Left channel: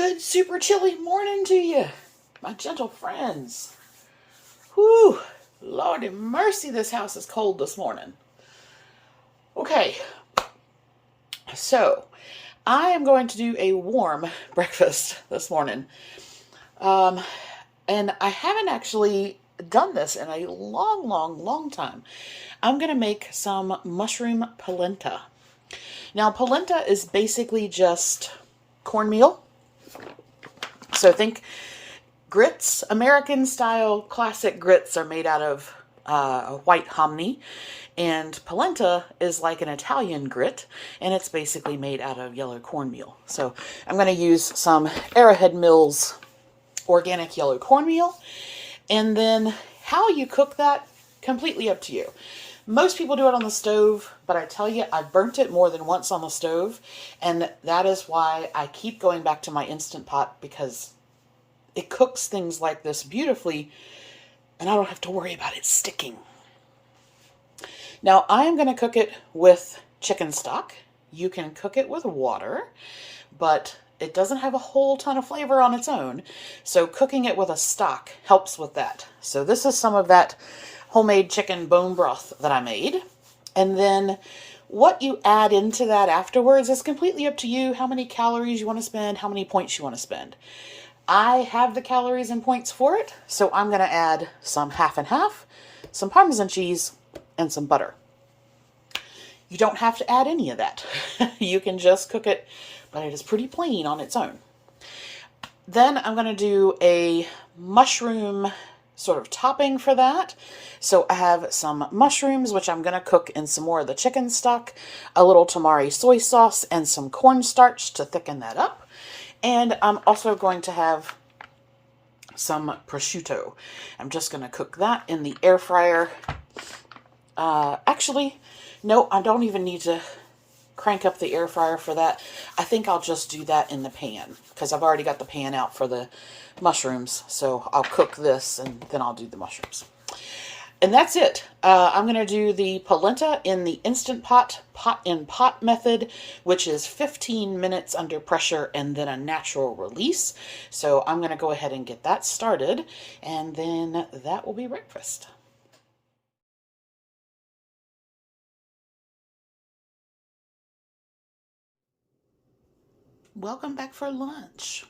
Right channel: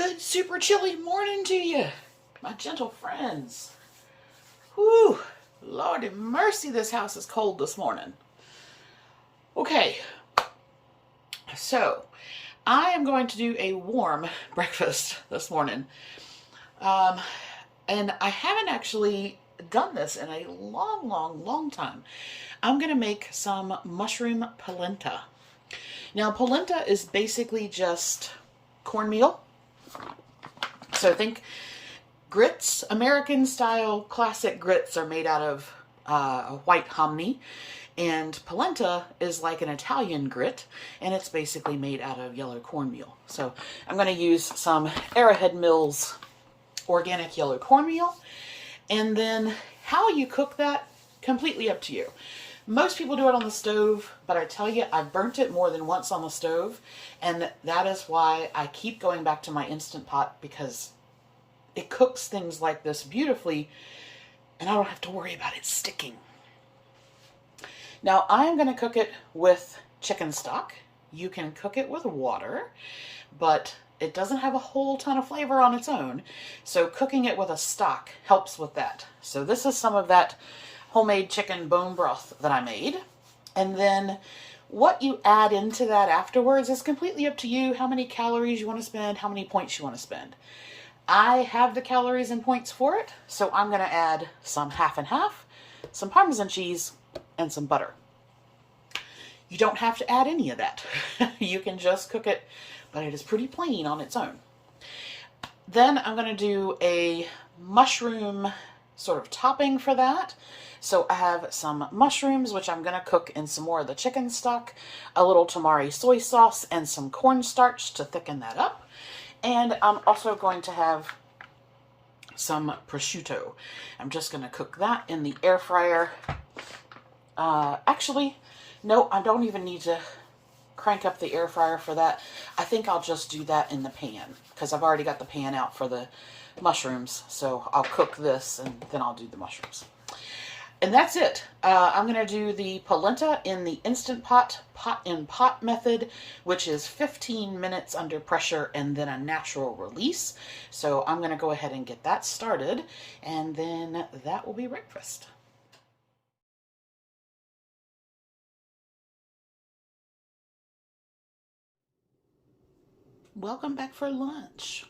Good super chilly morning to you, my gentle friends. Whew, Lordy mercy, this house is cold this morning. Okay, so I am going to do a warm breakfast this morning. And I haven't actually done this in a long time. I'm going to make some mushroom polenta. Now, polenta is basically just cornmeal. So think grits. American style classic grits are made out of white hominy, and polenta is like an Italian grit, and it's basically made out of yellow cornmeal. So I'm going to use some Arrowhead Mills organic yellow cornmeal, and then how you cook that, completely up to you. Most people do it on the stove, but I tell you, I've burnt it more than once on the stove, and that is why I keep going back to my Instant Pot, because it cooks things like this beautifully, and I don't have to worry about it sticking. Now, I am going to cook it with chicken stock. You can cook it with water, but it doesn't have a whole ton of flavor on its own, so cooking it with a stock helps with that. So this is some of that homemade chicken bone broth that I made. And then what you add into that afterwards is completely up to you, how many calories you want to spend, how many points you want to spend. I have the calories and points for it, so I'm going to add some half and half, some Parmesan cheese, and some butter. You don't have to add any of that. You can just cook it, but it is pretty plain on its own. Then I'm going to do a mushroom sort of topping for that. So I have some mushrooms, which I'm going to cook in some more of the chicken stock, a little Tamari soy sauce, and some cornstarch to thicken that up. And I'm also going to have some prosciutto. I'm just going to cook that in the air fryer. Actually, no, I don't even need to crank up the air fryer for that. I think I'll just do that in the pan, because I've already got the pan out for the mushrooms. So I'll cook this and then I'll do the mushrooms. And that's it. I'm going to do the polenta in the Instant Pot, pot method, which is 15 minutes under pressure and then a natural release. So I'm going to go ahead and get that started, and then that will be breakfast. Welcome back for lunch.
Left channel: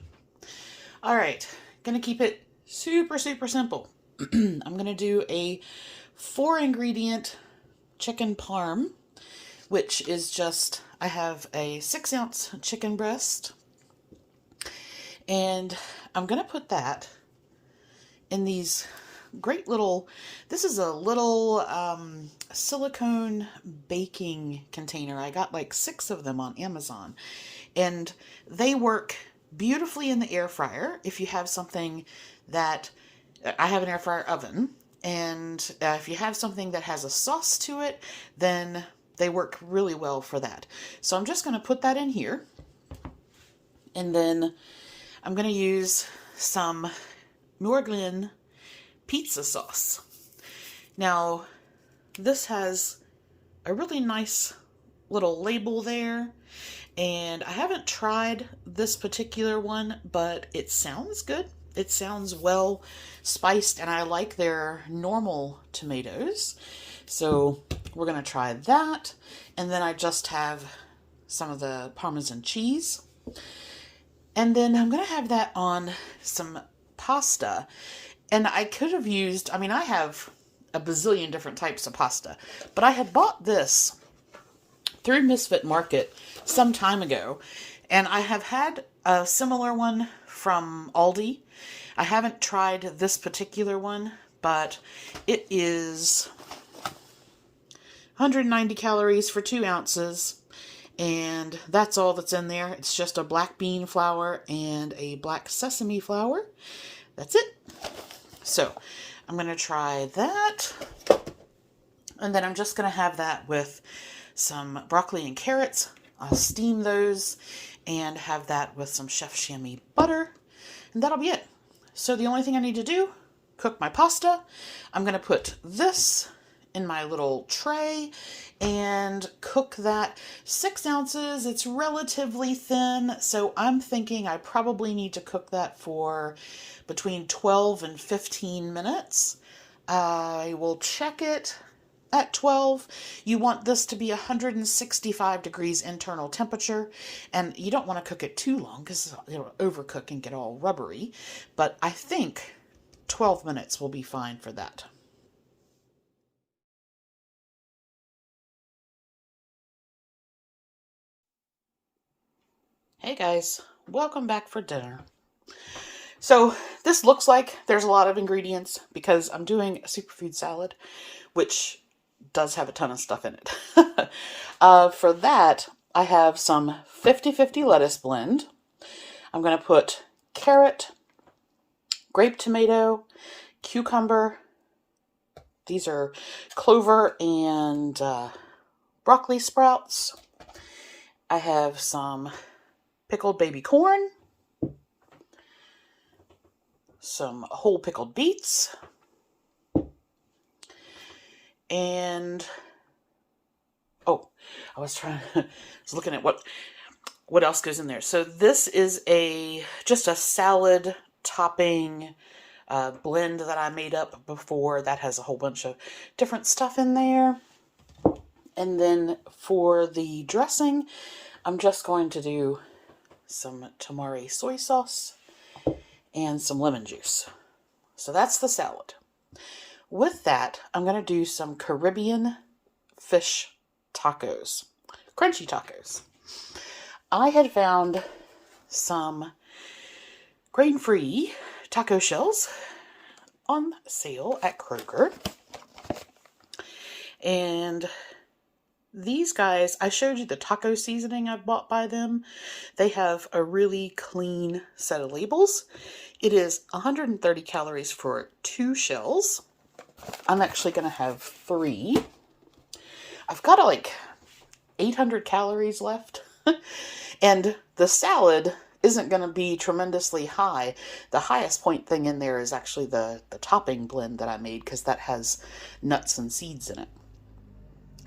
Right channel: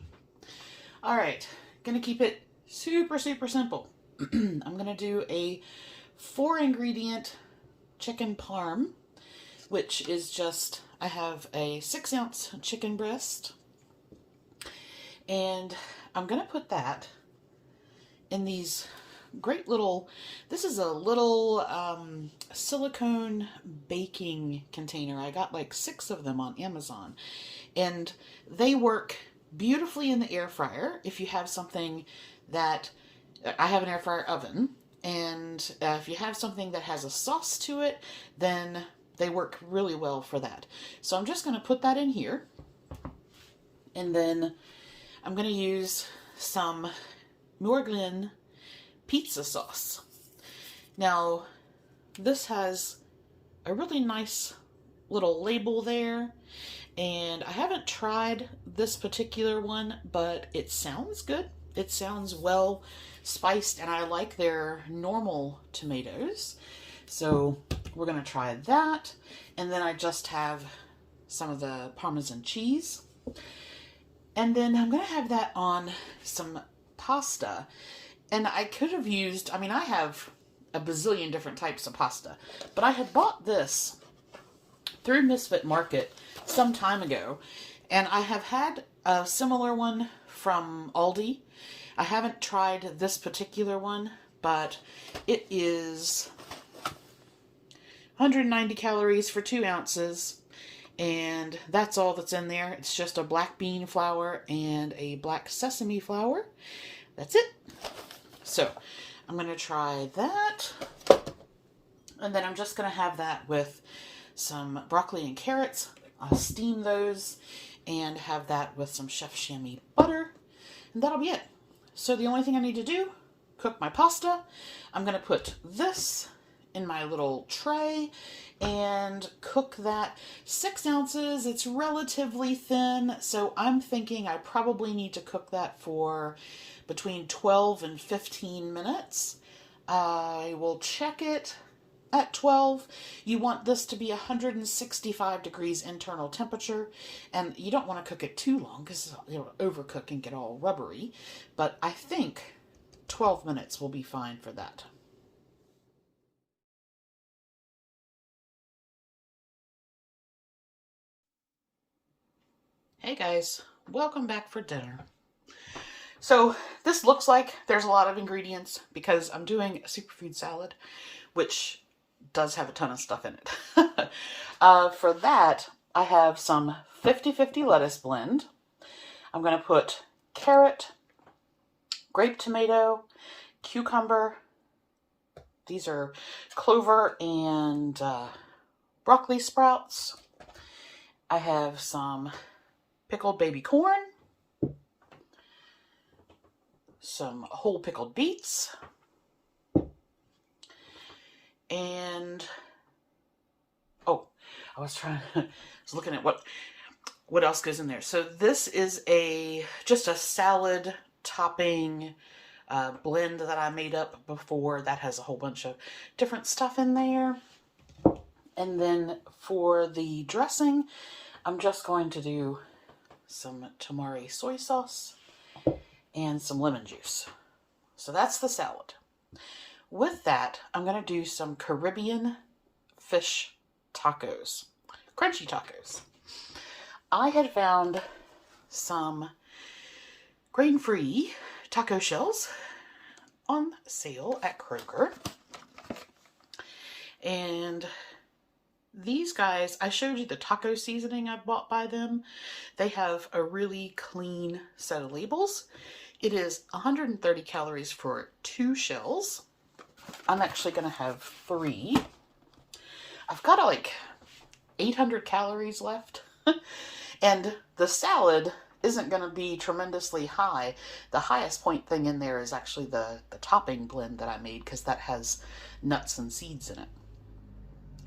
All right, going to keep it super simple. I'm going to do a 4-ingredient chicken parm, which is just, I have a 6-ounce chicken breast, and I'm going to put that in these great little, this is a little silicone baking container. I got like 6 of them on Amazon, and they work beautifully in the air fryer. If you have something that, I have an air fryer oven, and if you have something that has a sauce to it, then they work really well for that. So I'm just going to put that in here, and then I'm going to use some New Orleans pizza sauce. Now, this has a really nice little label there, and I haven't tried this particular one, but it sounds good. It sounds well spiced, and I like their normal tomatoes. So we're going to try that. And then I just have some of the Parmesan cheese. And then I'm going to have that on some pasta. And I could have used, I mean, I have a bazillion different types of pasta, but I had bought this through Misfit Market some time ago, and I have had a similar one from Aldi. I haven't tried this particular one, but it is 190 calories for 2 ounces, and that's all that's in there. It's just a black bean flour and a black sesame flour. That's it. So I'm going to try that, and then I'm just going to have that with some broccoli and carrots. I'll steam those and have that with some Chef Chamois butter, and that'll be it. So the only thing I need to do, cook my pasta. I'm going to put this in my little tray and cook that. 6 ounces, it's relatively thin, so I'm thinking I probably need to cook that for between 12 and 15 minutes. I will check it at 12. You want this to be 165 degrees internal temperature, and you don't want to cook it too long because it'll overcook and get all rubbery, but I think 12 minutes will be fine for that. Hey guys, welcome back for dinner. So this looks like there's a lot of ingredients because I'm doing a superfood salad, which does have a ton of stuff in it. For that, I have some 50-50 lettuce blend. I'm going to put carrot, grape tomato, cucumber. These are clover and broccoli sprouts. I have some pickled baby corn, some whole pickled beets, and I was looking at what else goes in there. So this is just a salad topping blend that I made up before that has a whole bunch of different stuff in there. And then for the dressing, I'm just going to do some Tamari soy sauce and some lemon juice. So that's the salad. With that, I'm going to do some Caribbean fish tacos, crunchy tacos. I had found some grain-free taco shells on sale at Kroger. And these guys, I showed you the taco seasoning I bought by them. They have a really clean set of labels. It is 130 calories for 2 shells. I'm actually going to have 3. I've got like 800 calories left. And the salad isn't going to be tremendously high. The highest point thing in there is actually the topping blend that I made because that has nuts and seeds in it.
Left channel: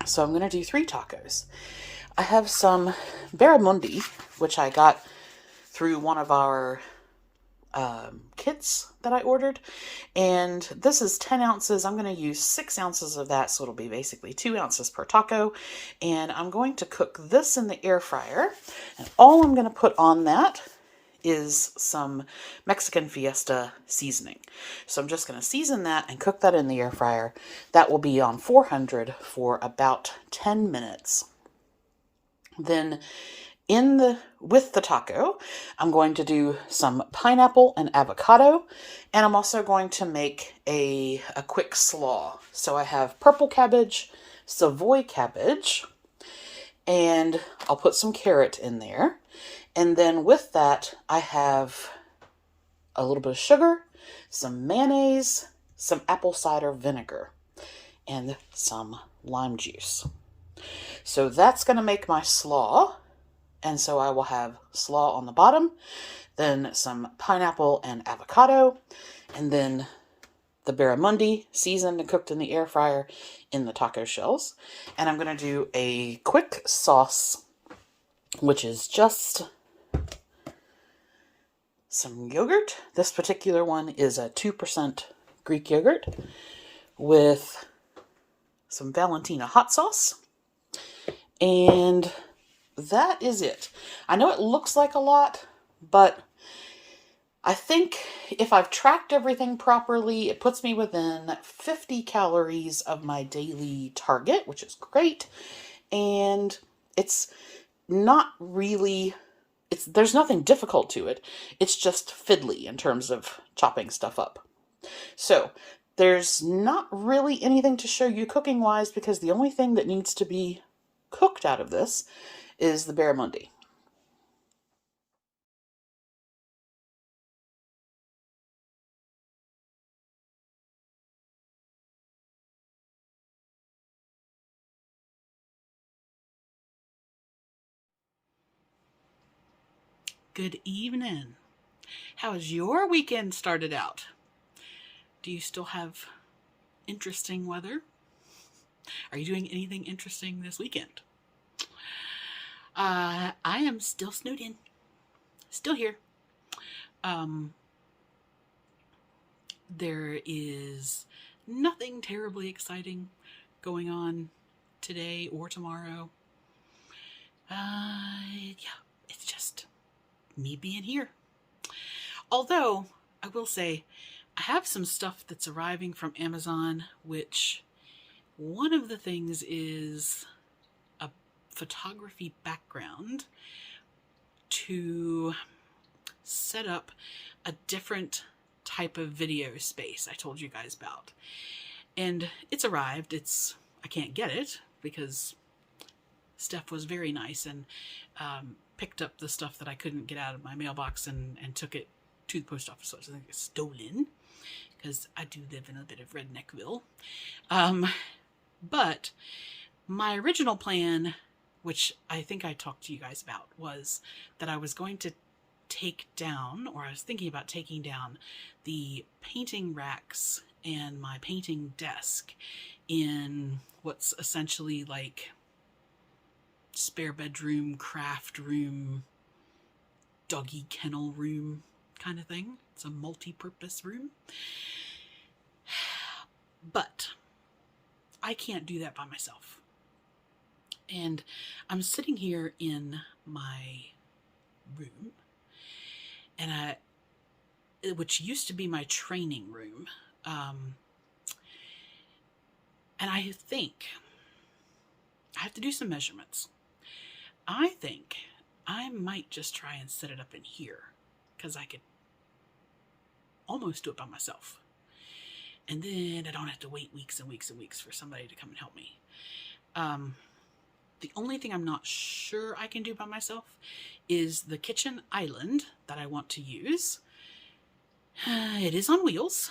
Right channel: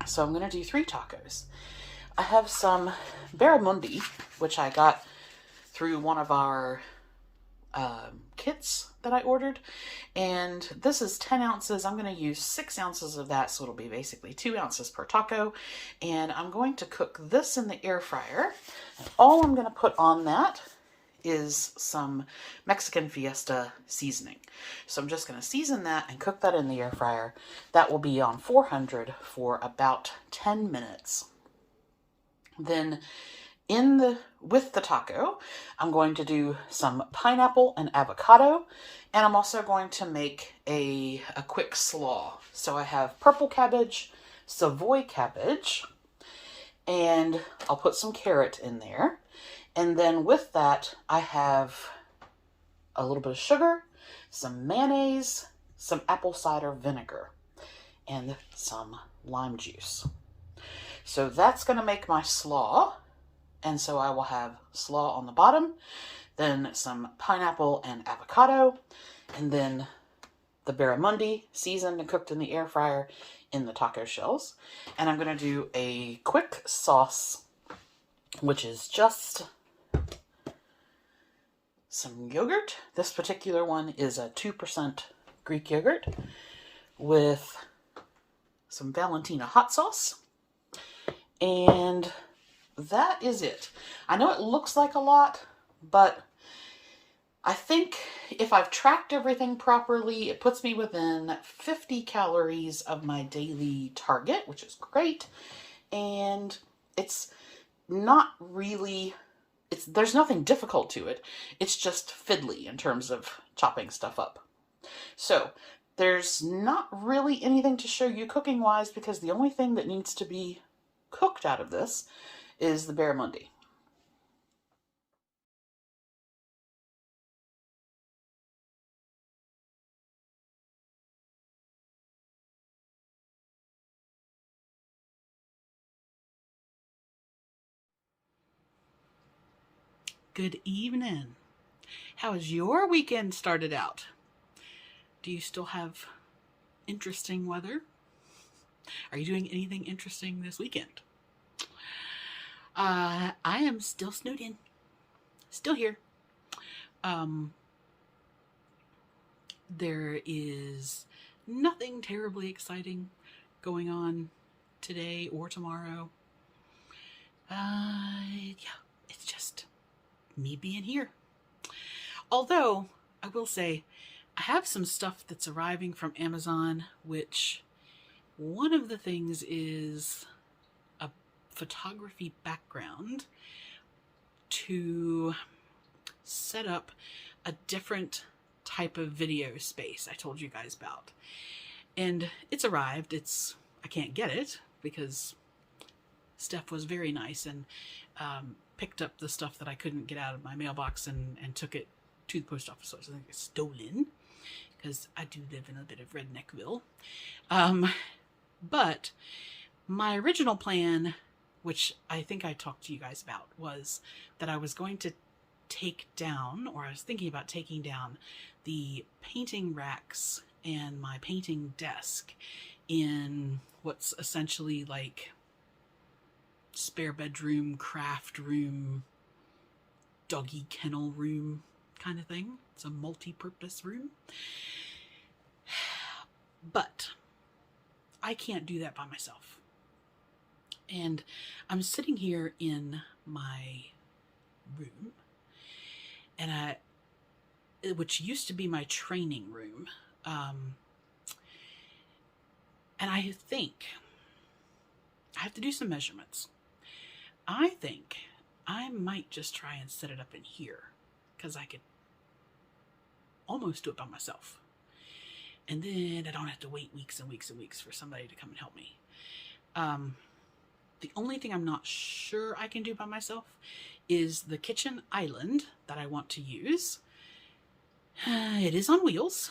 So I'm going to do 3 tacos. I have some Barramundi, which I got through one of our kits that I ordered. And this is 10 ounces. I'm going to use 6 ounces of that, so it'll be basically 2 ounces per taco. And I'm going to cook this in the air fryer. And all I'm going to put on that is some Mexican Fiesta seasoning. So I'm just going to season that and cook that in the air fryer. That will be on 400 for about 10 minutes. Then with the taco, I'm going to do some pineapple and avocado, and I'm also going to make a quick slaw. So I have purple cabbage, Savoy cabbage, and I'll put some carrot in there. And then with that, I have a little bit of sugar, some mayonnaise, some apple cider vinegar, and some lime juice. So that's going to make my slaw. And so I will have slaw on the bottom, then some pineapple and avocado, and then the barramundi seasoned and cooked in the air fryer in the taco shells. And I'm going to do a quick sauce, which is just some yogurt. This particular one is a 2% Greek yogurt with some Valentina hot sauce. And that is it. I know it looks like a lot, but I think if I've tracked everything properly, it puts me within 50 calories of my daily target, which is great. And it's not really, there's nothing difficult to it. It's just fiddly in terms of chopping stuff up. So there's not really anything to show you cooking wise because the only thing that needs to be cooked out of this is the barramundi. Good evening. How has your weekend started out? Do you still have interesting weather? Are you doing anything interesting this weekend? I am still snowed in. Still here. There is nothing terribly exciting going on today or tomorrow. Yeah, it's just me being here. Although, I will say, I have some stuff that's arriving from Amazon, which one of the things is a photography background to set up a different type of video space I told you guys about. And it's arrived. I can't get it because Steph was very nice and picked up the stuff that I couldn't get out of my mailbox and took it to the post office. So I think it's stolen because I do live in a bit of Redneckville. But my original plan, which I think I talked to you guys about, was that I was going to take down, or I was thinking about taking down, the painting racks and my painting desk in what's essentially like spare bedroom, craft room, doggy kennel room kind of thing. It's a multi-purpose room. But I can't do that by myself. And I'm sitting here in my room, and which used to be my training room. And I think I have to do some measurements. I think I might just try and set it up in here because I could almost do it by myself. And then I don't have to wait weeks and weeks and weeks for somebody to come and help me. The only thing I'm not sure I can do by myself is the kitchen island that I want to use. It is on wheels,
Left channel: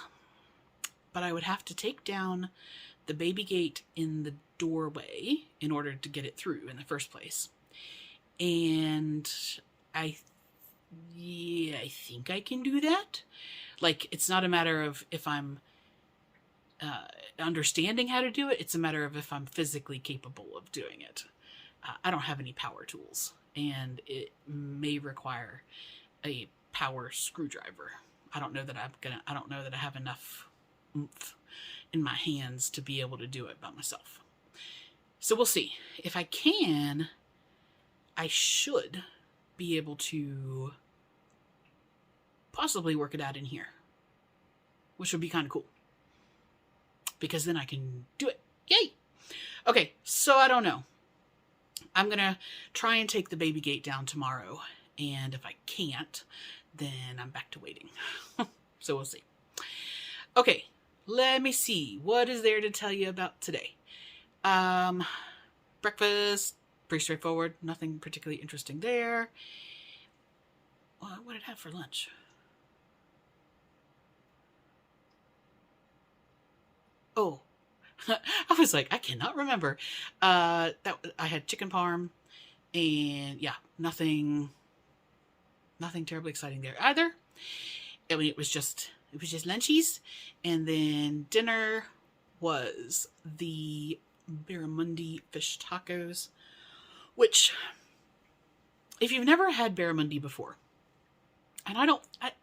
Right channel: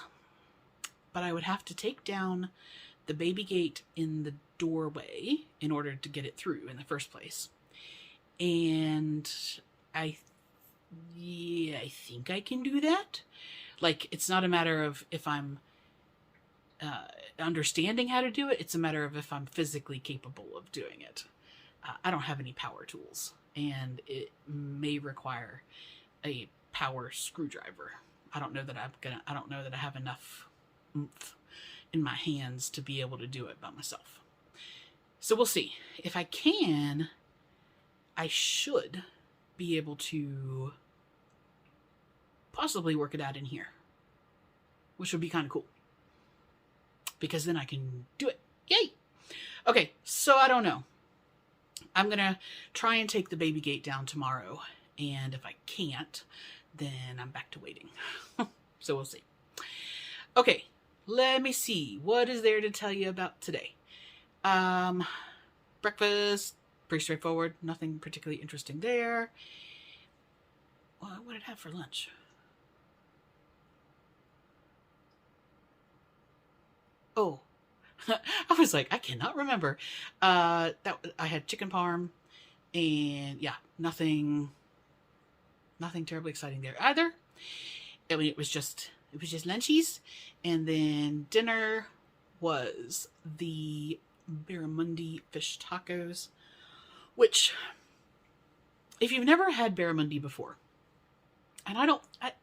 but I would have to take down the baby gate in the doorway in order to get it through in the first place. And I think I can do that. Like, it's not a matter of if I'm understanding how to do it. It's a matter of if I'm physically capable of doing it. I don't have any power tools, and it may require a power screwdriver. I don't know that I have enough oomph in my hands to be able to do it by myself. So we'll see. If I can, I should be able to possibly work it out in here, which would be kind of cool, because then I can do it. Yay! Okay, so I don't know. I'm going to try and take the baby gate down tomorrow, and if I can't, then I'm back to waiting. So we'll see. Okay, let me see. What is there to tell you about today? Breakfast, pretty straightforward. Nothing particularly interesting there. What did I have for lunch? Oh, I was like, I cannot remember. I had chicken parm, and yeah, nothing terribly exciting there either. I mean, it was just lunchies, and then dinner was the Barramundi fish tacos, which, if you've never had Barramundi before, and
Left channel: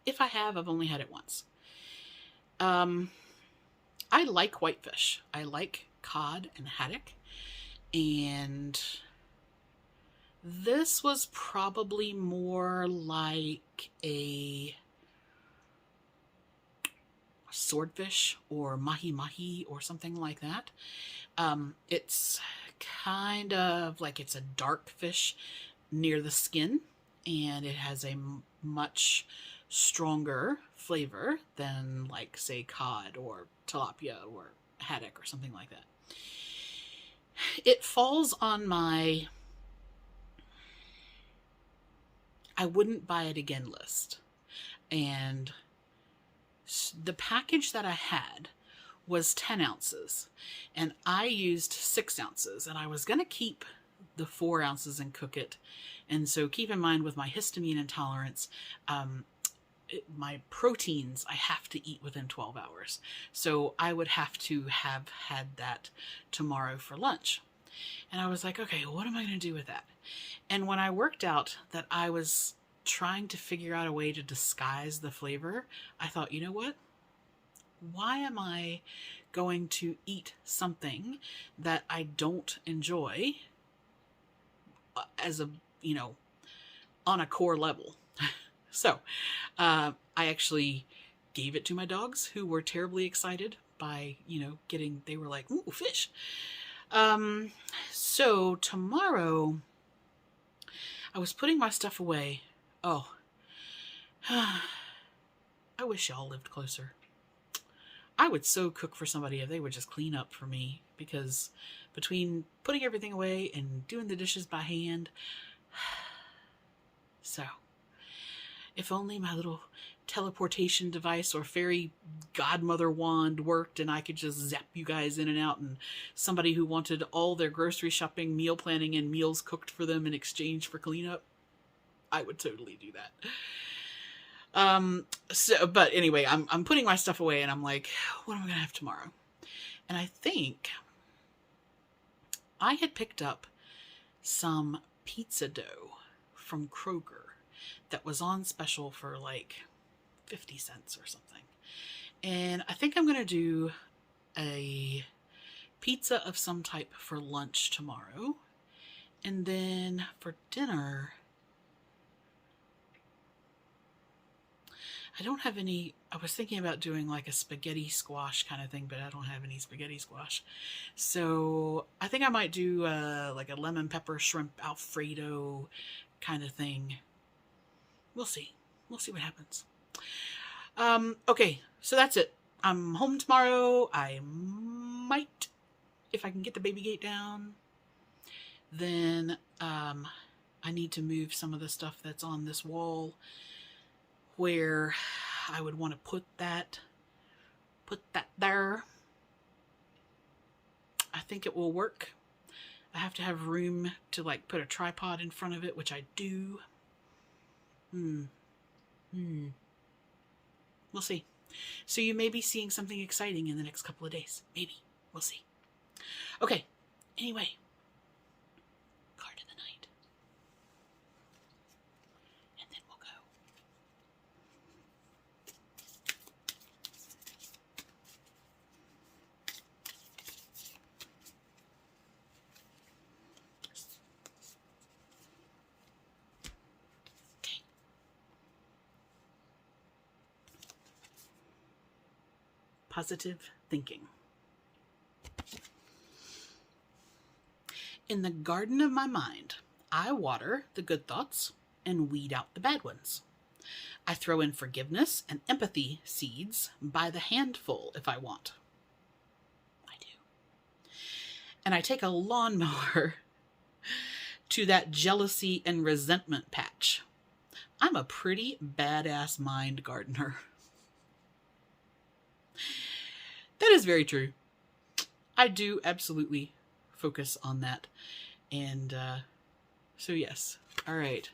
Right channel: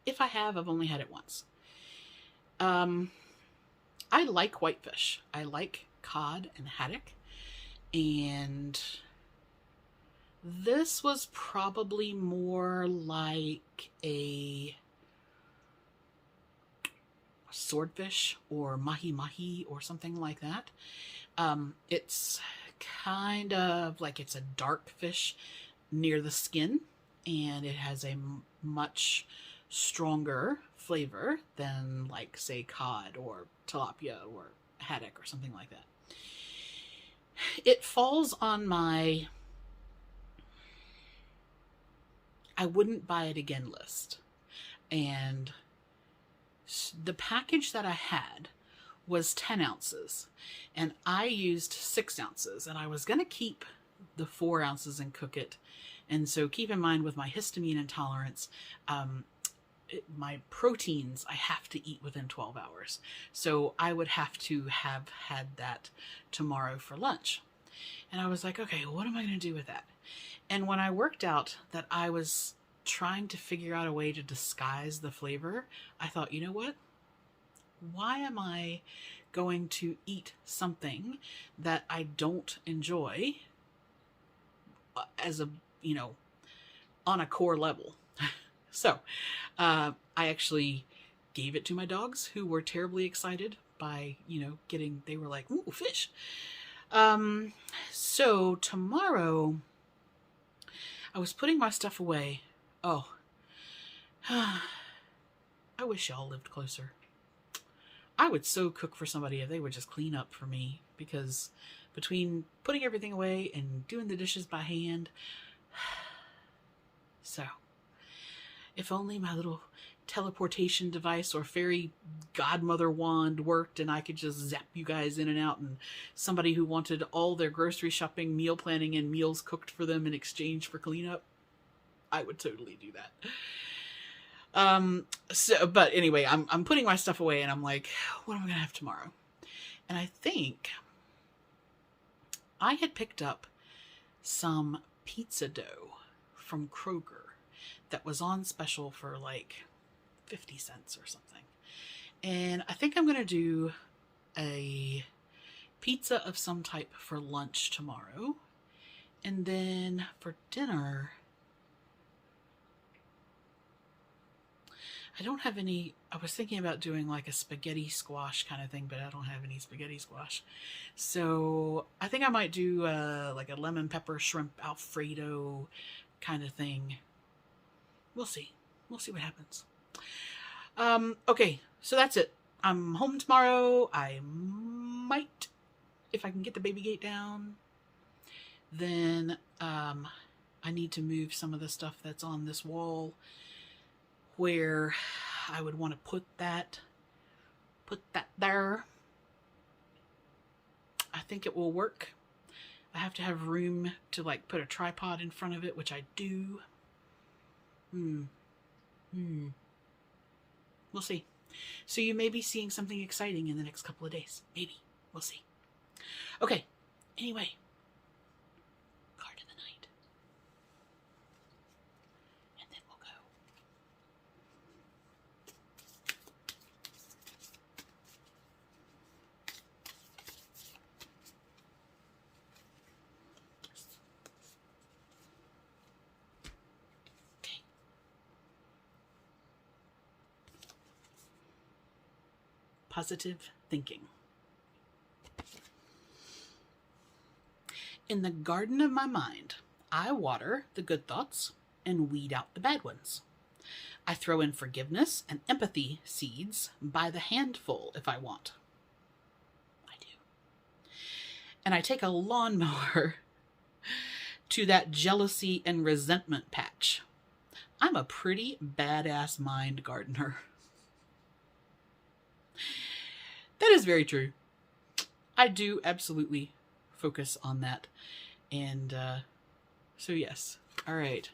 if I have, I've only had it once. I like whitefish. I like cod and haddock, and this was probably more like a swordfish or mahi-mahi or something like that. It's kind of like it's a dark fish near the skin, and it has a much stronger flavor than, like, say, cod or tilapia or haddock or something like that. It falls on my I wouldn't buy it again list. And the package that I had was 10 ounces, and I used 6 ounces, and I was going to keep the 4 ounces and cook it. And so keep in mind, with my histamine intolerance, my proteins I have to eat within 12 hours. So I would have to have had that tomorrow for lunch. And I was like, okay, what am I going to do with that? And when I worked out that I was trying to figure out a way to disguise the flavor, I thought, you know what? Why am I going to eat something that I don't enjoy as a, on a core level? So I actually gave it to my dogs, who were terribly excited by, they were like, ooh, fish. So tomorrow I was putting my stuff away. Oh, I wish y'all lived closer. I would so cook for somebody if they would just clean up for me, because between putting everything away and doing the dishes by hand, so if only my little teleportation device or fairy godmother wand worked and I could just zap you guys in and out, and somebody who wanted all their grocery shopping, meal planning, and meals cooked for them in exchange for cleanup, I would totally do that. But anyway, I'm putting my stuff away and I'm like, what am I going to have tomorrow? And I think I had picked up some pizza dough from Kroger that was on special for like 50 cents or something. And I think I'm going to do a pizza of some type for lunch tomorrow. And then for dinner, I don't have any. I was thinking about doing like a spaghetti squash kind of thing, but I don't have any spaghetti squash. So I think I might do like a lemon pepper shrimp Alfredo kind of thing. We'll see. We'll see what happens. Okay, so that's it. I'm home tomorrow. I might, if I can get the baby gate down, then I need to move some of the stuff that's on this wall where I would want to put that there. I think it will work. I have to have room to like put a tripod in front of it, which I do. We'll see. So you may be seeing something exciting in the next couple of days. Maybe. We'll see. Okay. Anyway. Card of the night. And then we'll go. Positive thinking. In the garden of my mind, I water the good thoughts and weed out the bad ones. I throw in forgiveness and empathy seeds by the handful if I want. I do. And I take a lawnmower to that jealousy and resentment patch. I'm a pretty badass mind gardener. That is very true. I do absolutely focus on that. And so yes. All right.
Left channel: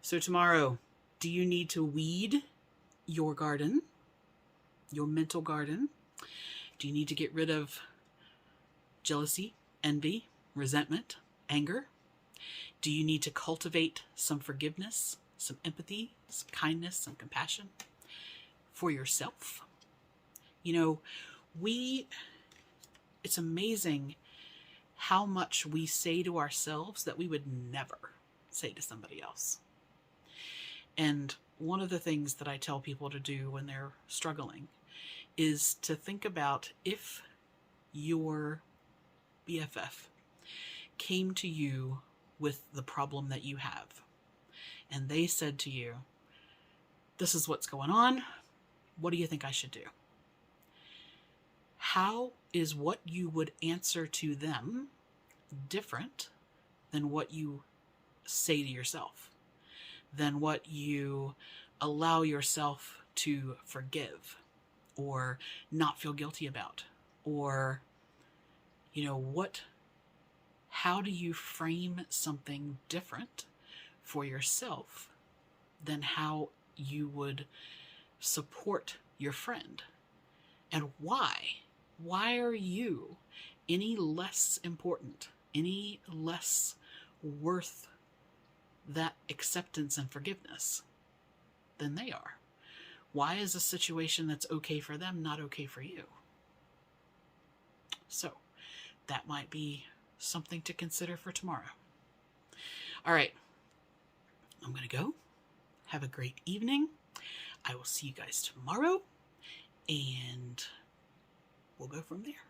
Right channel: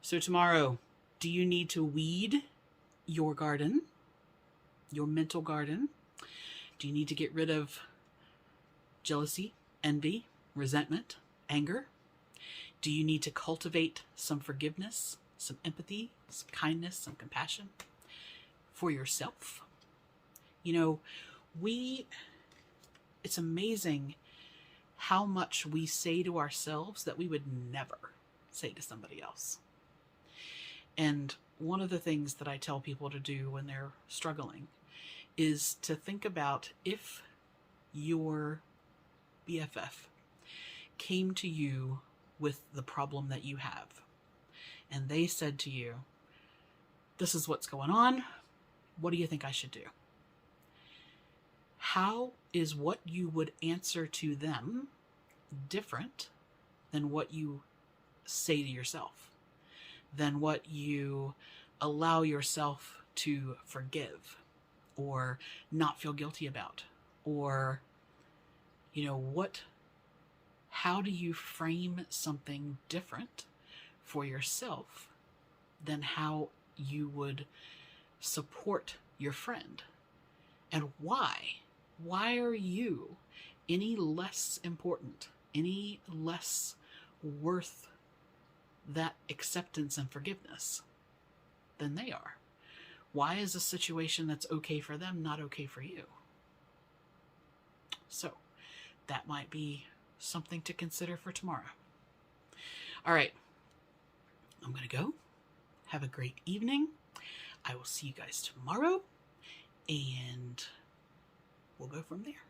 So tomorrow, do you need to weed your garden, your mental garden? Do you need to get rid of jealousy, envy, resentment, anger? Do you need to cultivate some forgiveness, some empathy, some kindness, some compassion for yourself? It's amazing how much we say to ourselves that we would never say to somebody else. And one of the things that I tell people to do when they're struggling is to think about if your BFF came to you with the problem that you have, and they said to you, this is what's going on. What do you think I should do? How is what you would answer to them different than what you say to yourself, than what you allow yourself to forgive or not feel guilty about? Or, how do you frame something different for yourself than how you would support your friend. And why? Why are you any less important, any less worth that acceptance and forgiveness than they are? Why is a situation that's okay for them not okay for you? So that might be something to consider for tomorrow. All right, I'm going to go. Have a great evening. I will see you guys tomorrow, and we'll go from there.